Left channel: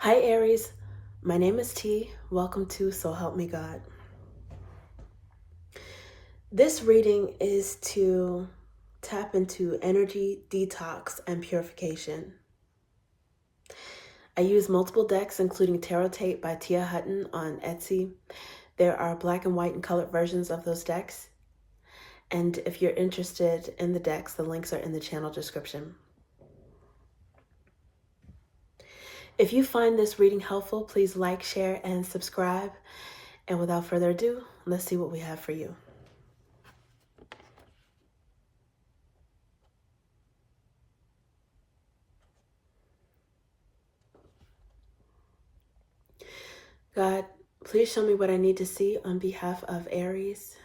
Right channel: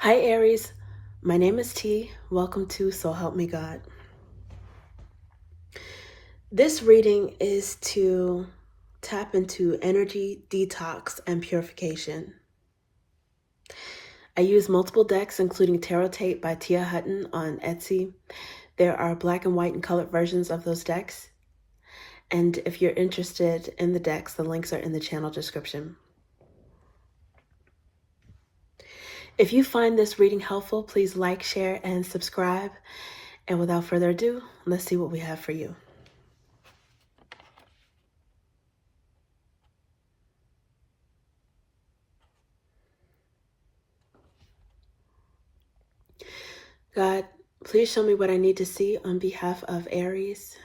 Hi Aries, my name is T. Welcome to So Help Me God. This reading is to tap into energy, detox, and purification. I use multiple decks, including Tarot Tape by Tia Hutton on Etsy. There are black and white and colored versions of those decks. And if you're interested in the decks, the links are in the channel description. If you find this reading helpful, please like, share, and subscribe. And without further ado, let's see what we have for you. God, please show me what I need to see on behalf of Aries.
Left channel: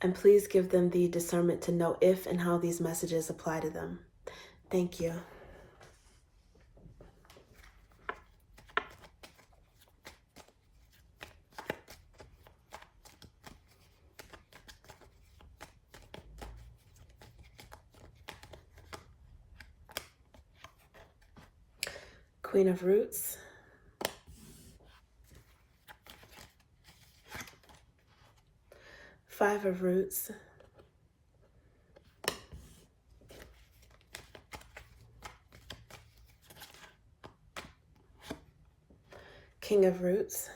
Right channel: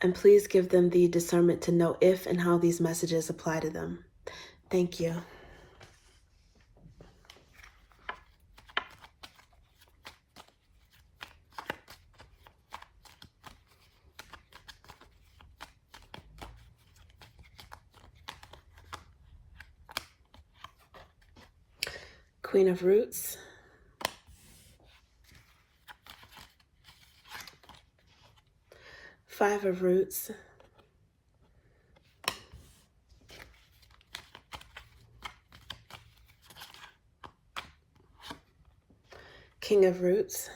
And please give them the discernment to know if and how these messages apply to them. Thank you. Queen of Roots. Five of Roots. King of Roots.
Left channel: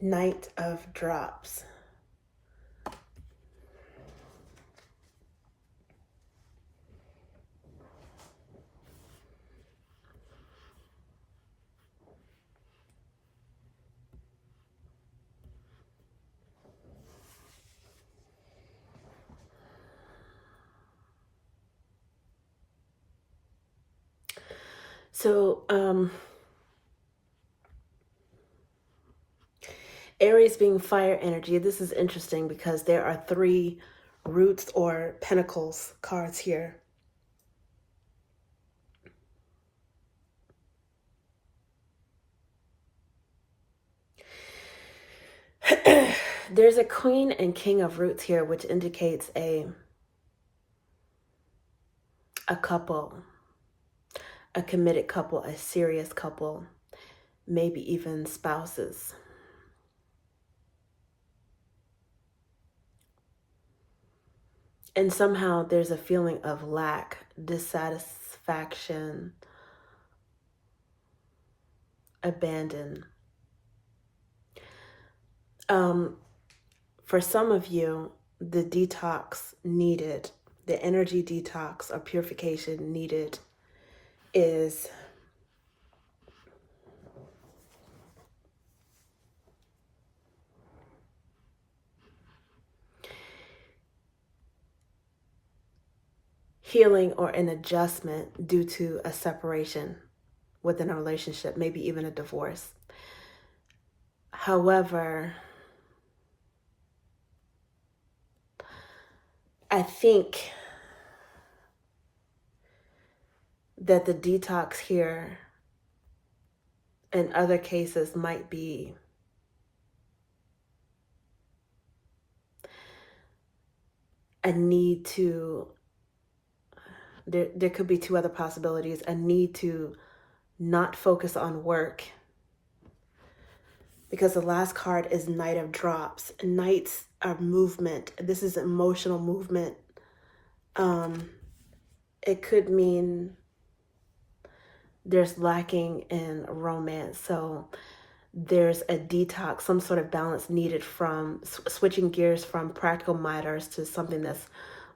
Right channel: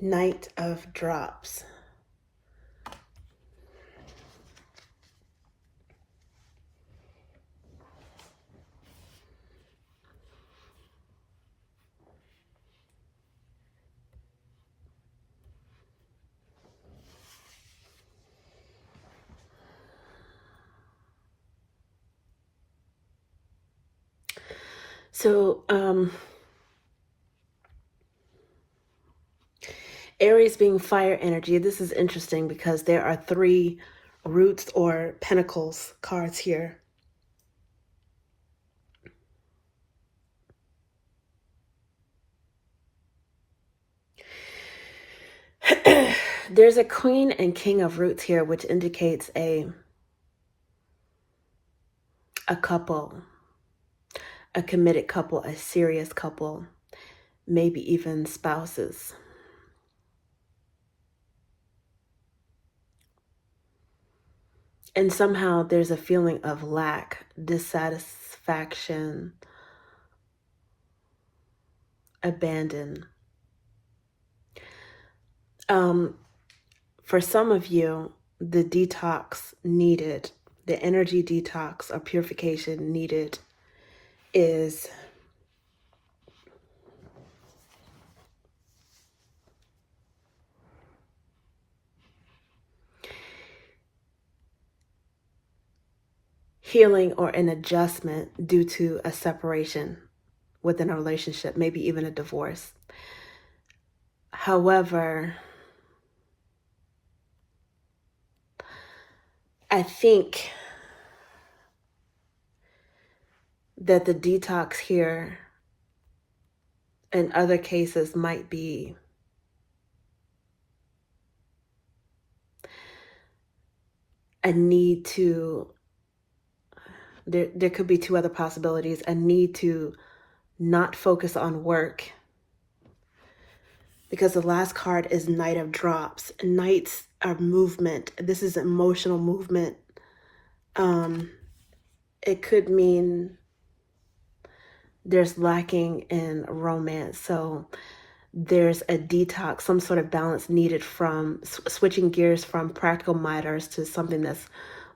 Knight of Drops. So, Aries being fire energy, this is interesting because there are three roots or pentacles cards here. There's a Queen and King of Roots here, which indicates a couple, a committed couple, a serious couple, maybe even spouses. And somehow there's a feeling of lack, dissatisfaction, abandon. For some of you, the detox needed, the energy detox or purification needed is healing or an adjustment due to a separation within a relationship, maybe even a divorce. However, I think that the detox here in other cases might be a need to, there could be two other possibilities, a need to not focus on work, because the last card is Knight of Drops. Knights are movement. This is emotional movement. It could mean there's lacking in romance. So there's a detox, some sort of balance needed from switching gears from practical matters to something that's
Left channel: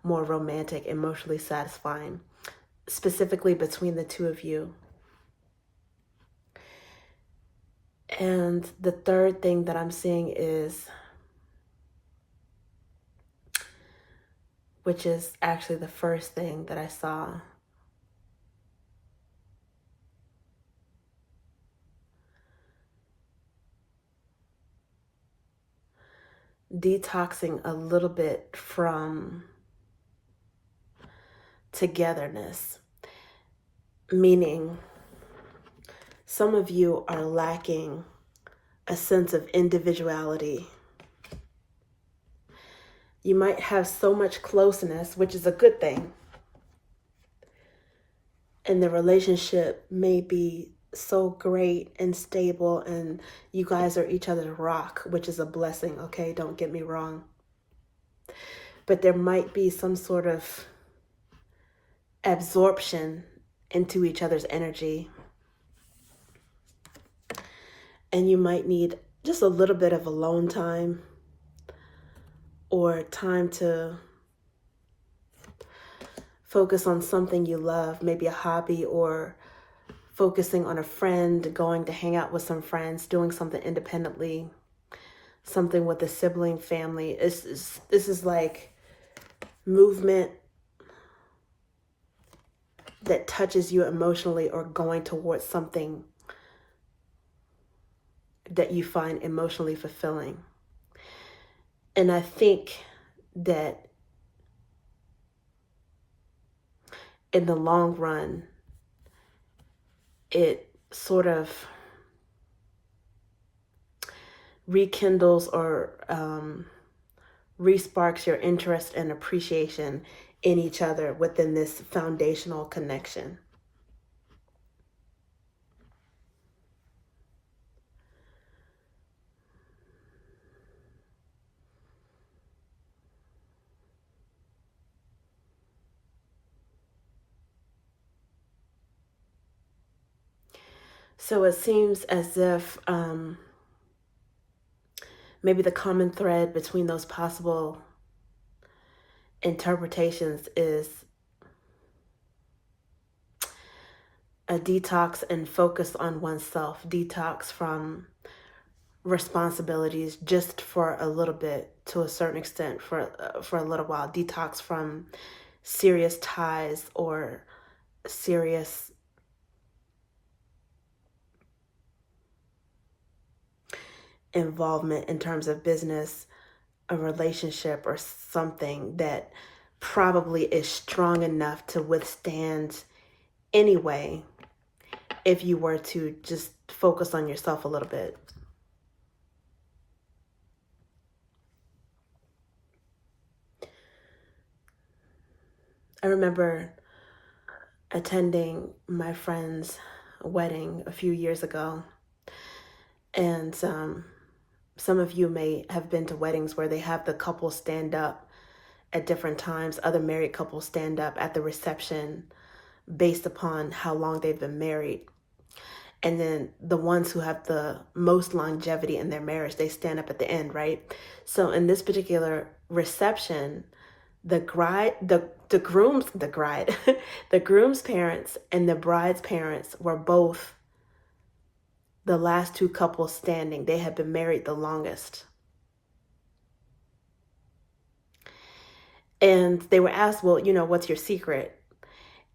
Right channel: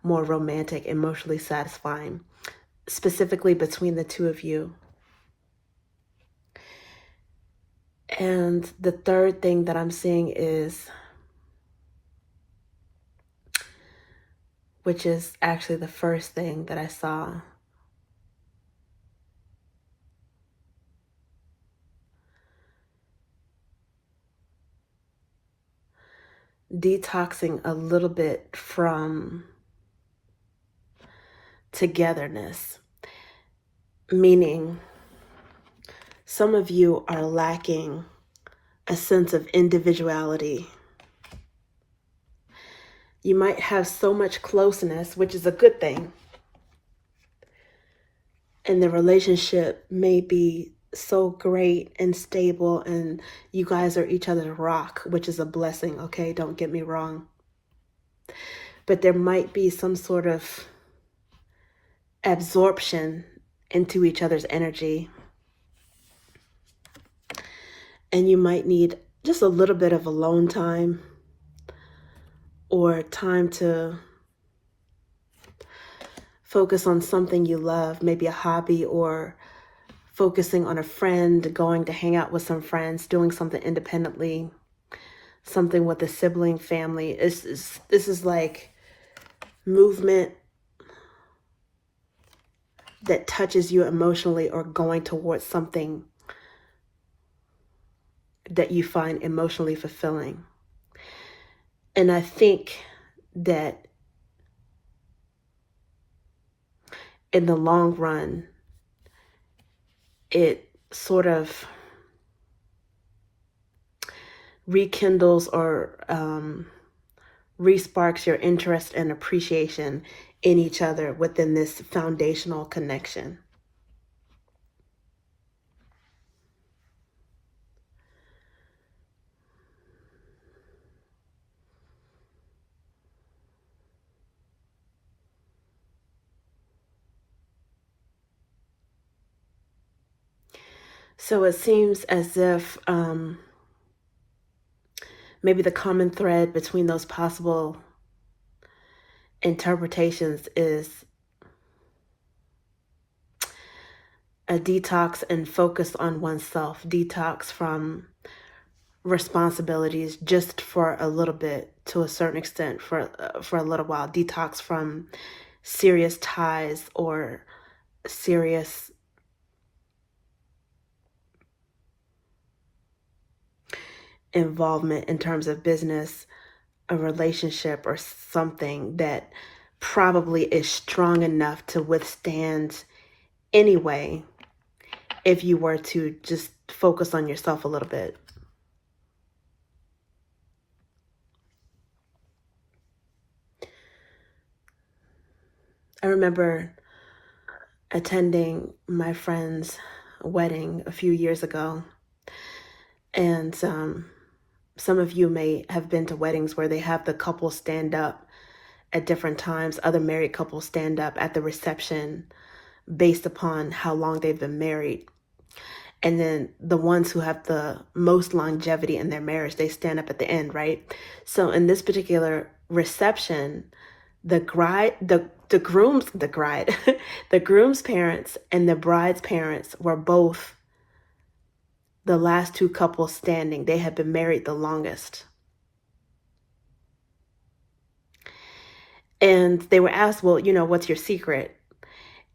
more romantic, emotionally satisfying, specifically between the two of you. And the third thing that I'm seeing is, which is actually the first thing that I saw, detoxing a little bit from togetherness, meaning some of you are lacking a sense of individuality. You might have so much closeness, which is a good thing, and the relationship may be so great and stable, and you guys are each other's rock, which is a blessing, okay? Don't get me wrong. But there might be some sort of absorption into each other's energy, and you might need just a little bit of alone time, or time to focus on something you love, maybe a hobby, or focusing on a friend, going to hang out with some friends, doing something independently, something with a sibling, family. This is like movement that touches you emotionally, or going towards something that you find emotionally fulfilling. And I think that in the long run, it sort of rekindles or resparks your interest and appreciation in each other within this foundational connection. So it seems as if maybe the common thread between those possible interpretations is a detox and focus on oneself, detox from responsibilities just for a little bit, to a certain extent, for a little while, detox from serious ties or serious involvement in terms of business, a relationship, or something that probably is strong enough to withstand anyway if you were to just focus on yourself a little bit. I remember attending my friend's wedding a few years ago, and some of you may have been to weddings where they have the couple stand up at different times. Other married couples stand up at the reception based upon how long they've been married. And then the ones who have the most longevity in their marriage, they stand up at the end, right? So in this particular reception, the groom's parents and the bride's parents were both the last two couples standing. They had been married the longest. And they were asked, well, what's your secret?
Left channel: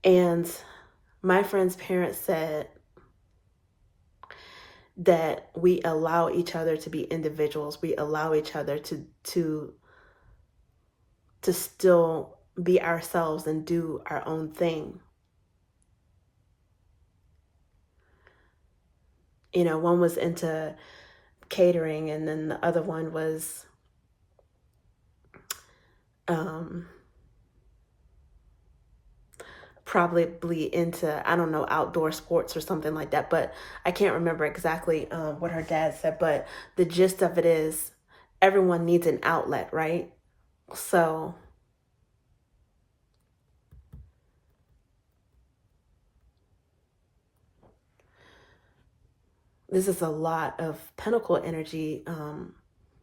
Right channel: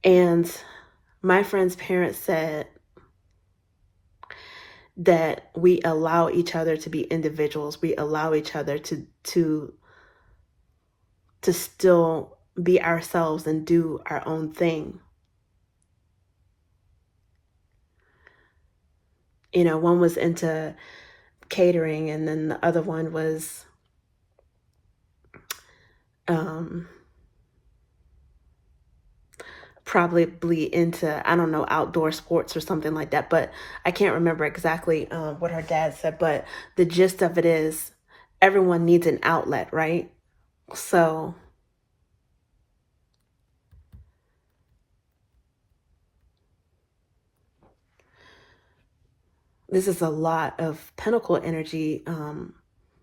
And my friend's parents said that we allow each other to be individuals. We allow each other to still be ourselves and do our own thing. One was into catering, and then the other one was probably into, I don't know, outdoor sports or something like that. But I can't remember exactly what her dad said. But the gist of it is everyone needs an outlet, right? So this is a lot of Pentacle energy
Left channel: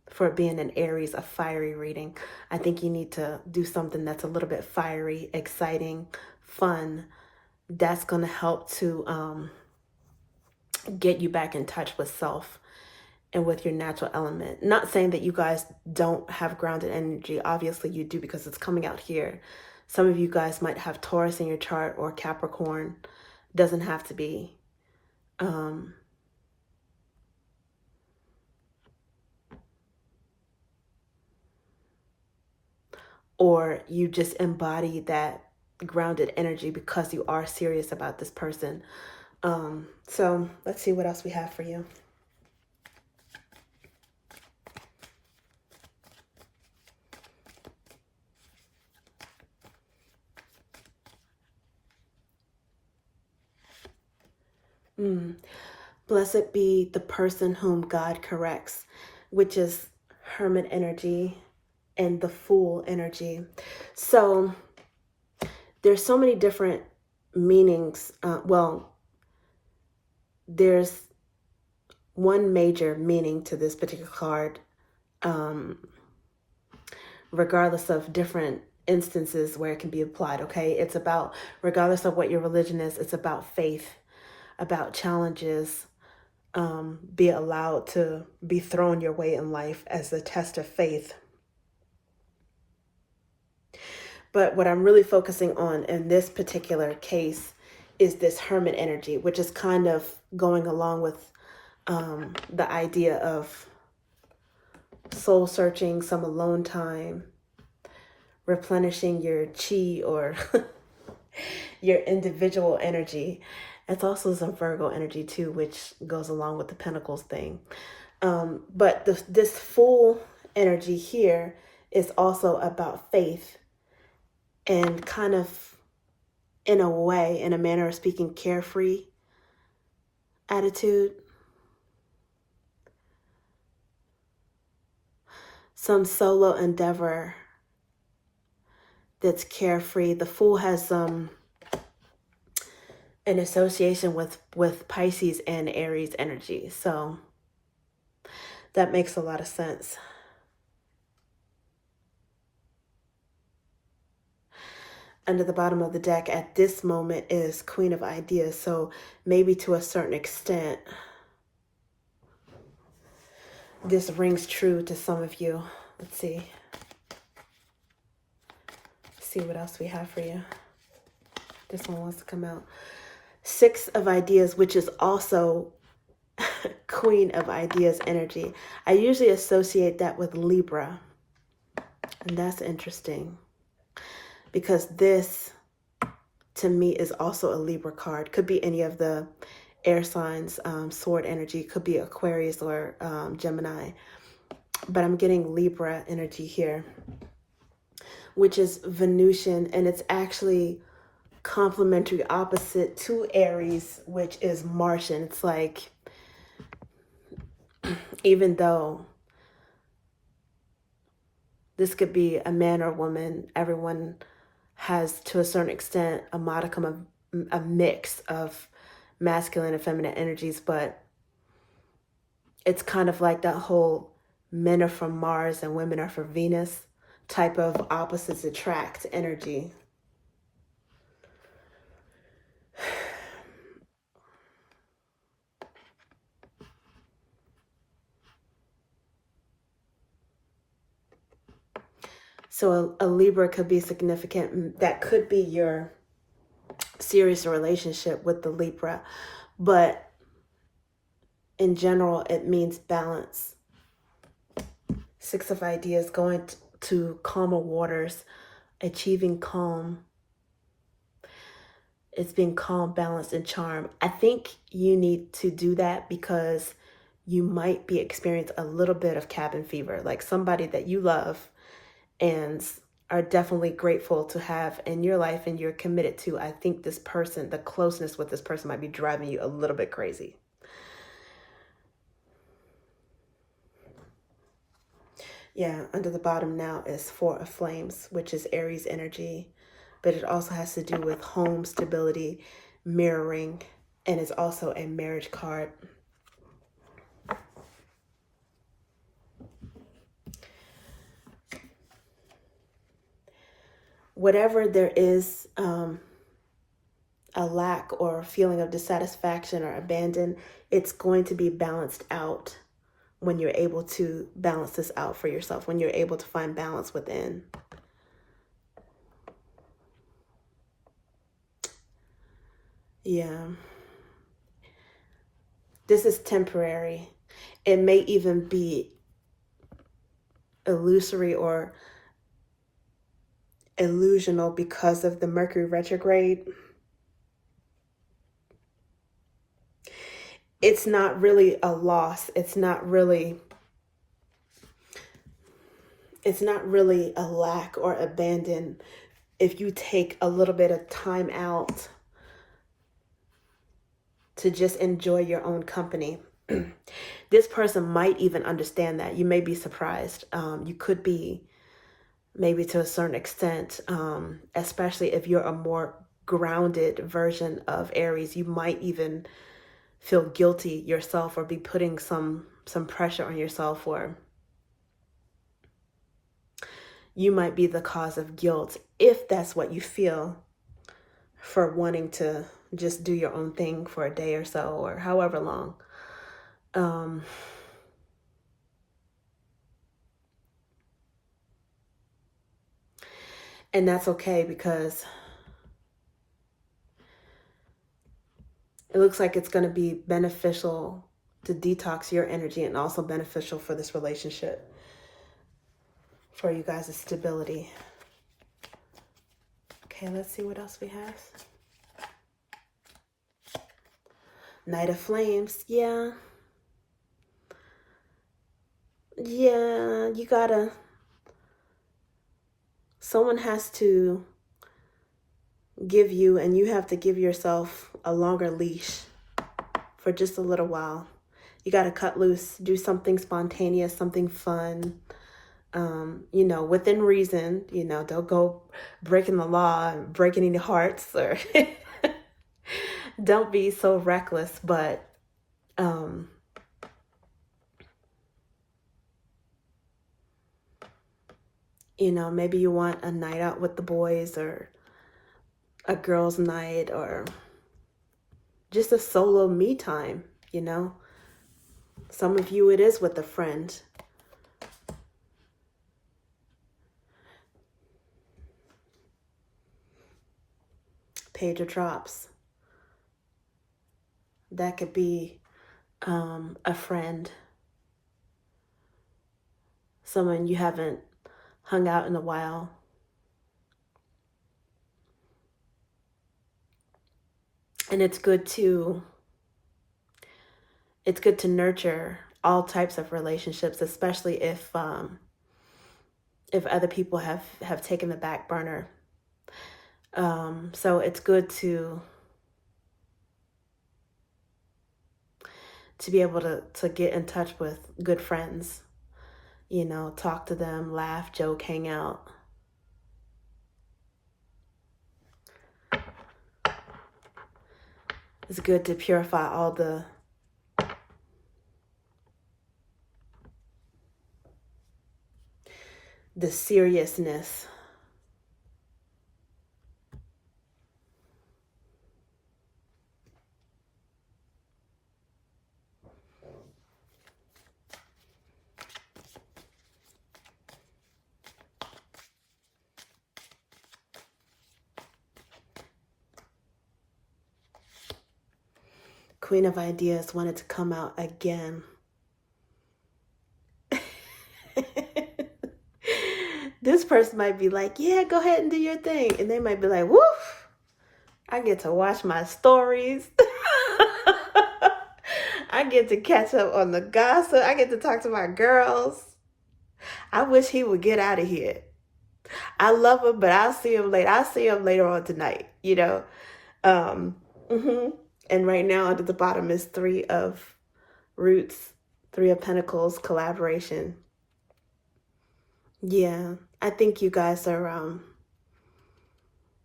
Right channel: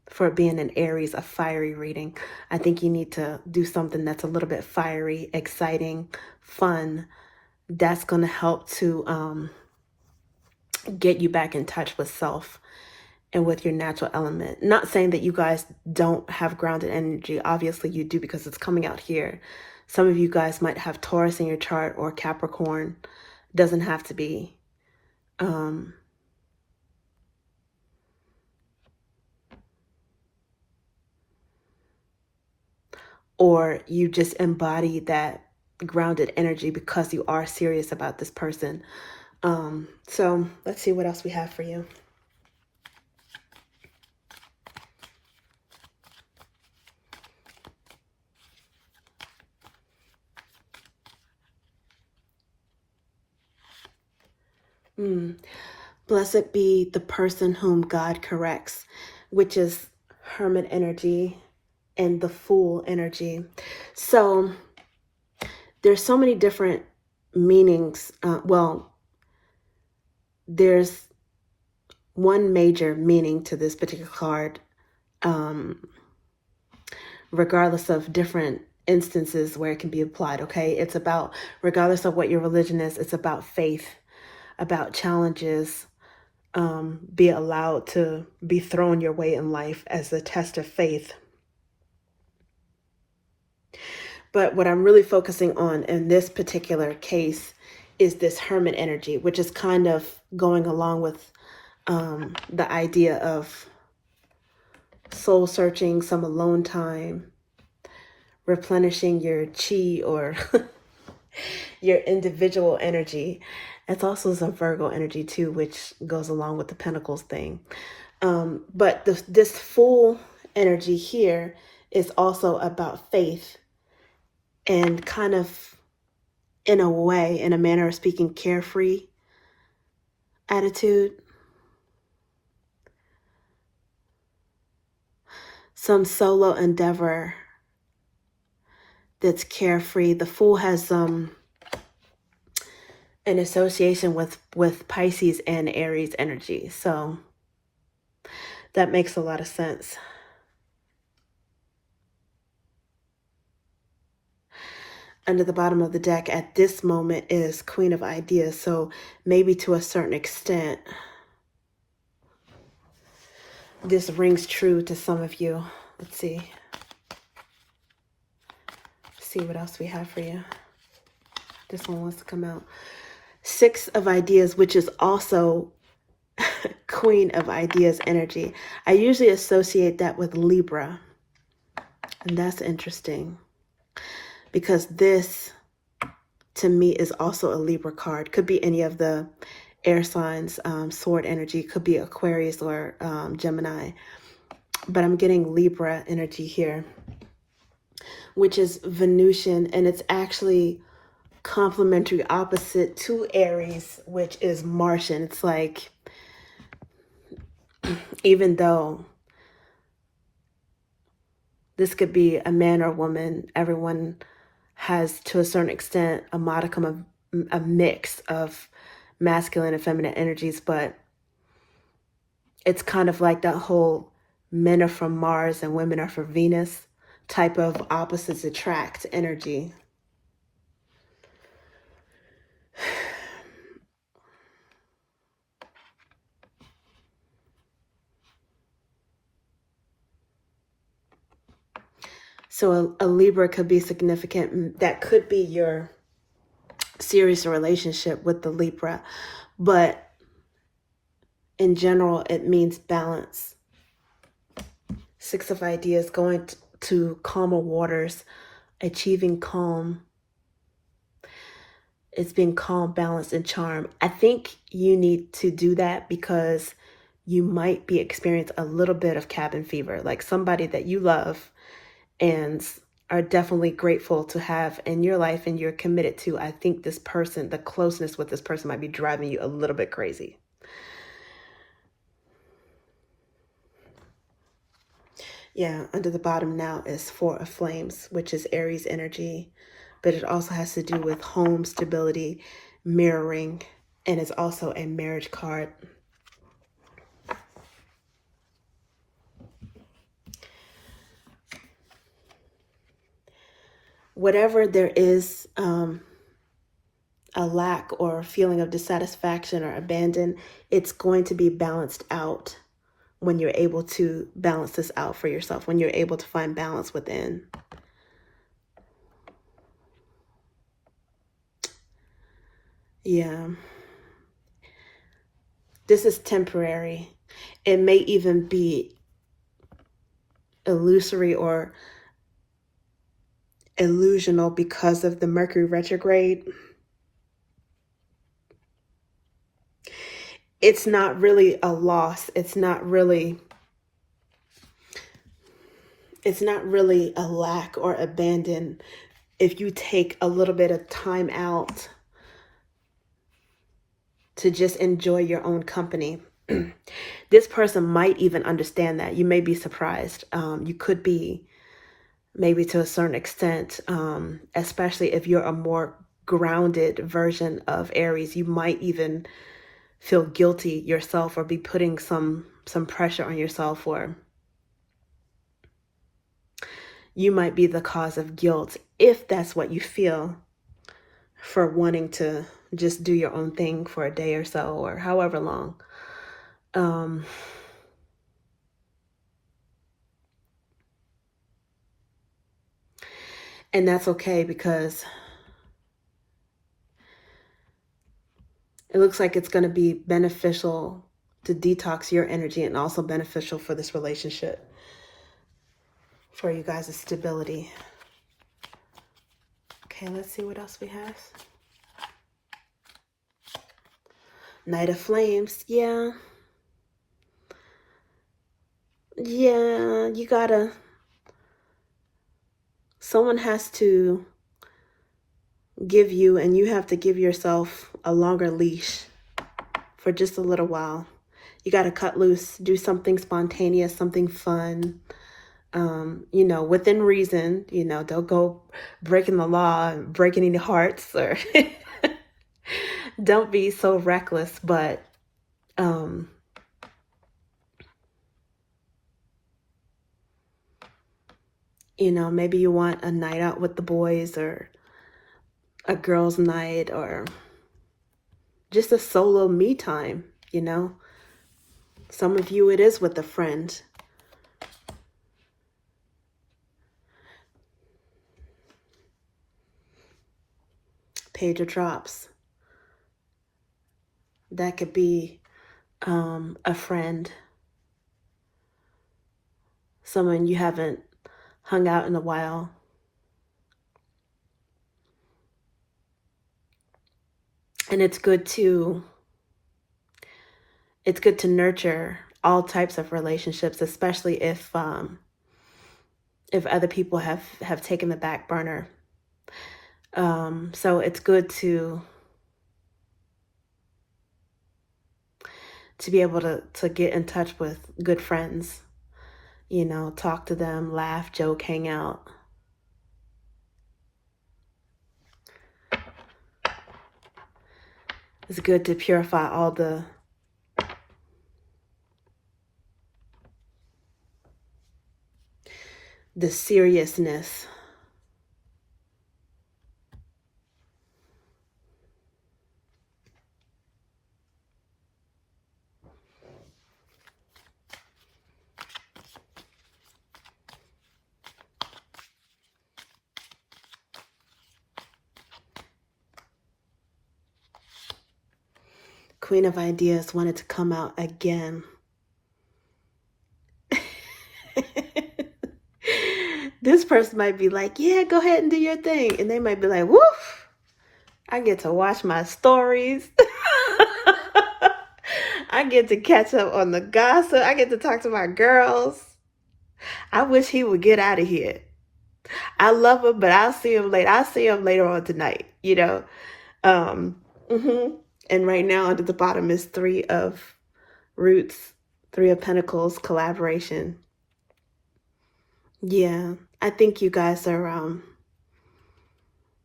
for being an Aries, a fiery reading. I think you need to do something that's a little bit fiery, exciting, fun. That's going to help to get you back in touch with self and with your natural element. Not saying that you guys don't have grounded energy. Obviously you do, because it's coming out here. Some of you guys might have Taurus in your chart, or Capricorn. Doesn't have to be. Or you just embody that grounded energy because you are serious about this person. So let's see what else we have for you. Blessed be the person whom God corrects, which is Hermit energy and the Fool energy. So there's so many different meanings. There's one major meaning to this particular card, regardless of different instances where it can be applied. Okay, it's about, regardless of what your religion is, it's about faith, about challenges, be allowed to be thrown your way in life as a test of faith. But what I'm really focusing on in this particular case is this Hermit energy, which is kind of going along with the idea of soul searching, some alone time, replenishing your chi or your individual energy. It's also some Virgo energy too, which goes along with the Pentacles thing. But this Fool energy here is also about faith and kind of, in a way, in a manner of speaking, carefree attitude. Some solo endeavor that's carefree. The Fool has an association with Pisces and Aries energy. So that makes a lot of sense. Under the bottom of the deck at this moment is Queen of Ideas. So maybe to a certain extent, this rings true to some of you. Let's see. See what else we have for you. This one wants to come out. Six of Ideas, which is also Queen of Ideas energy. I usually associate that with Libra. And that's interesting, because this, to me, is also a Libra card. Could be any of the air signs, sword energy. Could be Aquarius or Gemini. But I'm getting Libra energy here, which is Venusian, and it's actually complementary opposite to Aries, which is Martian. It's like, even though this could be a man or woman, everyone has, to a certain extent, a modicum of a mix of masculine and feminine energies, but it's kind of like that whole men are from Mars and women are from Venus type of opposites attract energy. So a Libra could be significant. That could be your serious relationship with the Libra. But in general, it means balance. Six of Ideas, going to calmer waters, achieving calm. It's being calm, balanced, and charm. I think you need to do that because you might be experiencing a little bit of cabin fever, like somebody that you love and are definitely grateful to have in your life and you're committed to. I think this person, the closeness with this person might be driving you a little bit crazy. Yeah, under the bottom now is Four of Flames, which is Aries energy, but it also has to do with home stability, mirroring, and it's also a marriage card. Whatever there is a lack or feeling of dissatisfaction or abandon, it's going to be balanced out when you're able to balance this out for yourself, when you're able to find balance within. Yeah. This is temporary. It may even be illusory, or illusional because of the Mercury retrograde. It's not really a loss. It's not really a lack or abandon if you take a little bit of time out to just enjoy your own company. This person might even understand that. You may be surprised. You could be, maybe to a certain extent, especially if you're a more grounded version of Aries. You might even feel guilty yourself or be putting some pressure on yourself, or you might be the cause of guilt if that's what you feel, for wanting to just do your own thing for a day or so, or however long. And that's okay, because it looks like it's going to be beneficial to detox your energy, and also beneficial for this relationship, for you guys' stability. Okay, let's see what else we have. Knight of Flames. Yeah, you gotta, someone has to give you, and you have to give yourself a longer leash for just a little while. You got to cut loose, do something spontaneous, something fun, within reason. Don't go breaking the law, breaking any hearts, or don't be so reckless. But maybe you want a night out with the boys, or a girls' night, or just a solo me time. Some of you, it is with a friend. Page of Drops. That could be a friend, someone you haven't hung out in a while. And it's good to nurture all types of relationships, especially if other people have taken the back burner. So it's good to be able to get in touch with good friends, talk to them, laugh, joke, hang out. It's good to purify all the seriousness. Queen of Ideas wanted to come out again. This person might be like, yeah, go ahead and do your thing. And they might be like, woof, I get to watch my stories. I get to catch up on the gossip. I get to talk to my girls. I wish he would get out of here. I love him, but I'll see him later. I'll see him later on tonight, And right now, under the bottom is 3 of Roots, 3 of Pentacles, collaboration. Yeah, I think you guys are,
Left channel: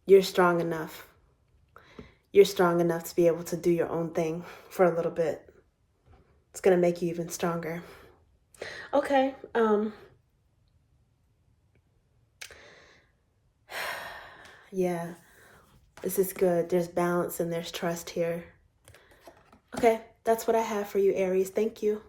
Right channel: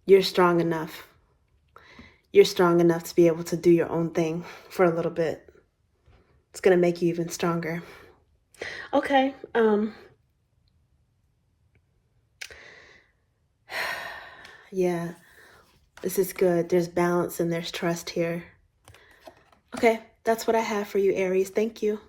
you're strong enough. You're strong enough to be able to do your own thing for a little bit. It's going to make you even stronger. Okay. Yeah, this is good. There's balance and there's trust here. Okay, that's what I have for you, Aries. Thank you.